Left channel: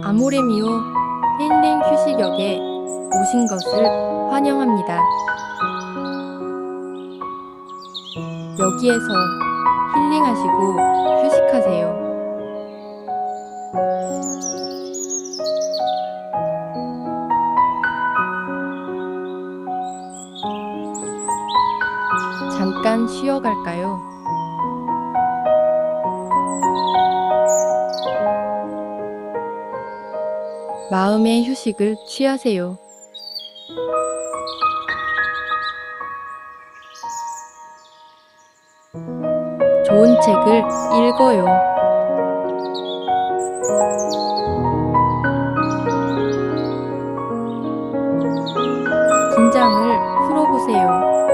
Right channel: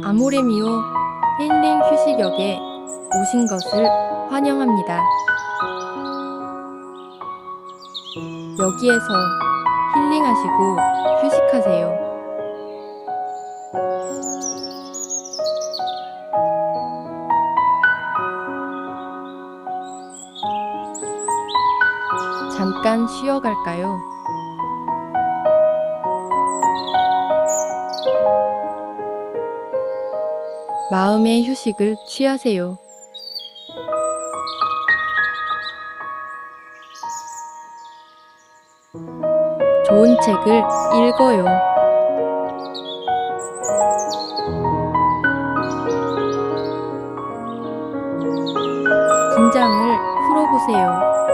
아모레미오 힐링 휴식역에 오신 것을 환영합니다. 여기에서 힐링하시고 휴식하세요. 잠깐 쉬어갈까요? 마음의 휴식을 취하세요. 좋은 책을 읽어요. 긴장을 풀어보세요.